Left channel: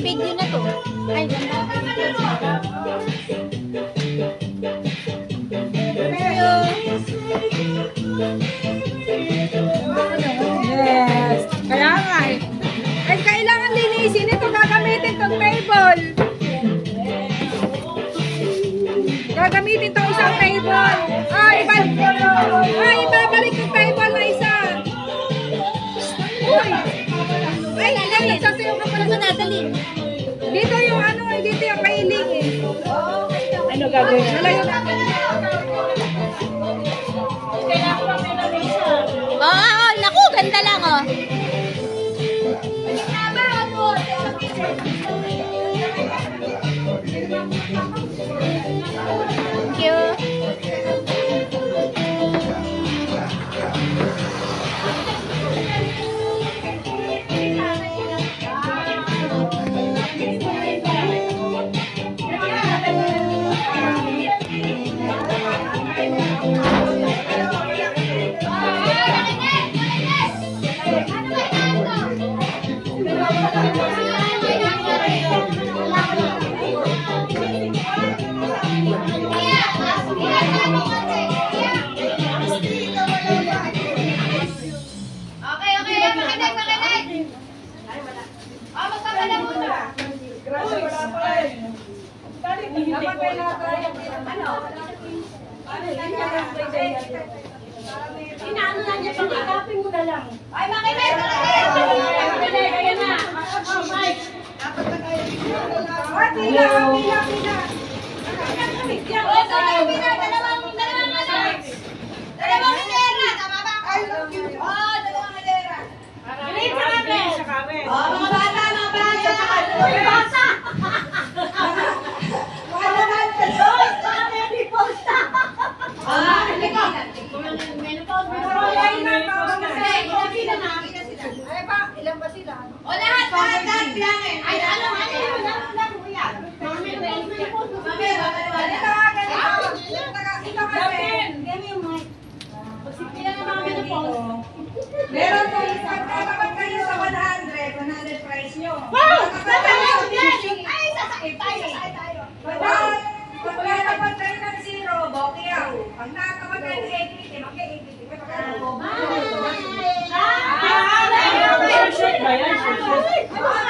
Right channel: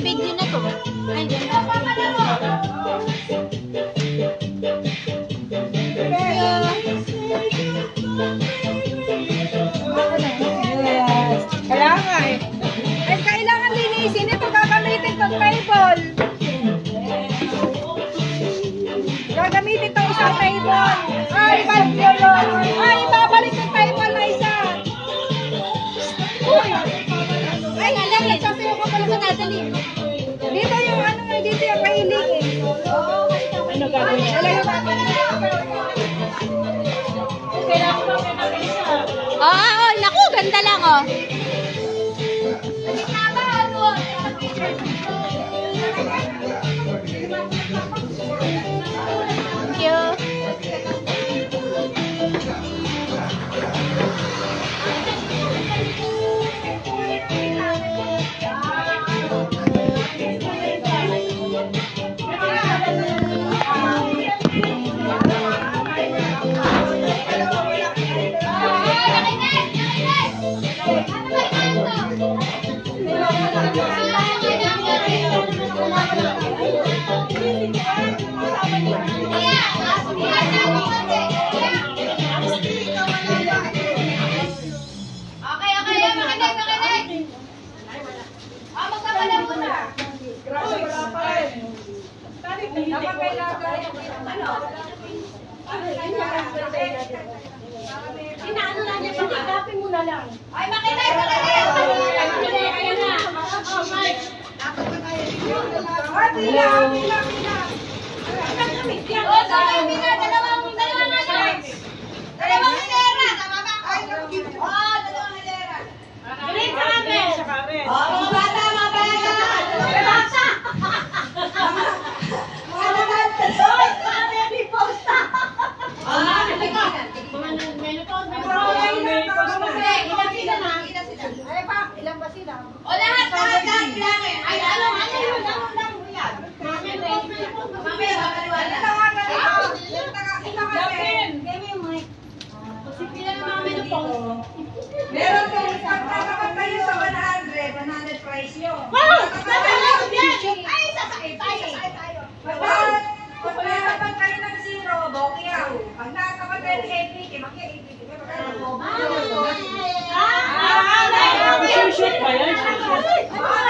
video na to. Ay, ganda. Yes. Kaya nga eh. Ay, kailangan linisin ito. Gagamitin itong table. Gagamitin itong isang table. Ay, ibabalik yung table na isa. Uy. Ay, nagsasayaw ka pala sa nadali. Dito yung ano, dito yung kailing eh. Ano gagawin? Oh, naku, ganda lang oh. Thank you. Inaano lang niya pang agapin mo na lang. Ay, makinay! Kaya na. Oh, Mike. Dapat na kayo. Pila. Dalawang hilera. Tama ba? Oo, dalawang hilera. Green sa kamen. Oo, mga bata. Mga bata. Ilan ba sila? O lahat lang eh. Ay, ano yan? Mami, meron po isang kapag kayo sa 100 price nyo. Ay, sasakit tayo. Pag nakakapag kayo ng 0, bokiyaw. Pag nakakapag kayo ng 80, mag-80. Shoot ba yan? Shoot.